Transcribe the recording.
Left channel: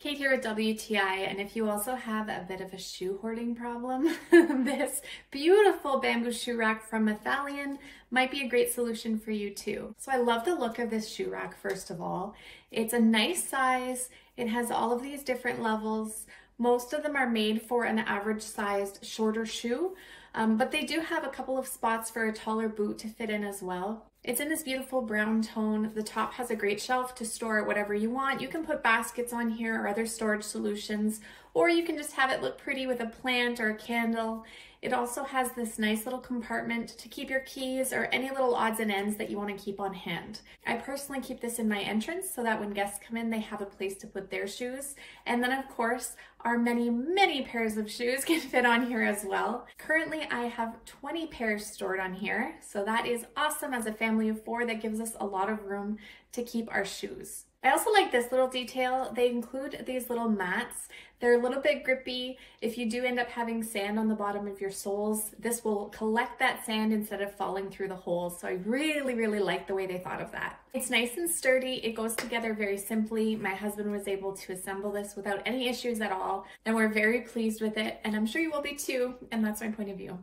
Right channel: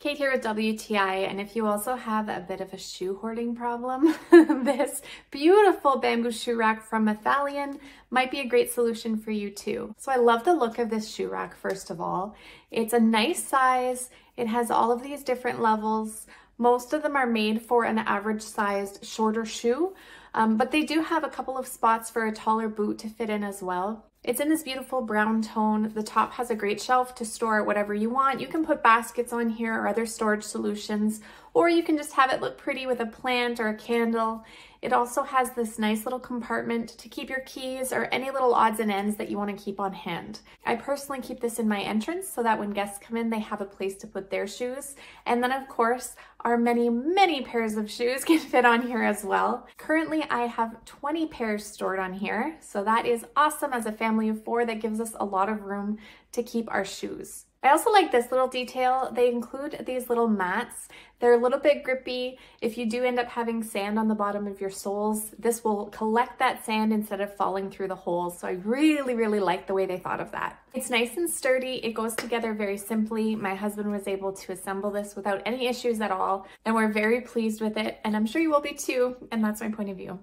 Kate here with WTI, and if you also have a bit of a shoe hoarding problem, this beautiful bamboo shoe rack from Mafalion might be a great solution for you too. So I love the look of this shoe rack, first of all. It's a nice size, it has all of these different levels. Most of them are made for an average sized shorter shoe, but they do have a couple of spots for a taller boot to fit in as well. It's in this beautiful brown tone. The top has a great shelf to store whatever you want. You can put baskets on here or other storage solutions, or you can just have it look pretty with a plant or a candle. It also has this nice little compartment to keep your keys or any little odds and ends that you want to keep on hand. I personally keep this in my entrance so that when guests come in, they have a place to put their shoes. And then of course, our many pairs of shoes can fit on here as well. Currently, I have 20 pairs stored on here. So that is awesome as a family of 4. That gives us a lot of room to keep our shoes. I also like this little detail. They include these little mats. They're a little bit grippy. If you do end up having sand on the bottom of your soles, this will collect that sand instead of falling through the holes. So I really like the way they thought of that. It's nice and sturdy. It goes together very simply. My husband was able to assemble this without any issues at all, and we're very pleased with it. And I'm sure you will be too. And that's my point of view.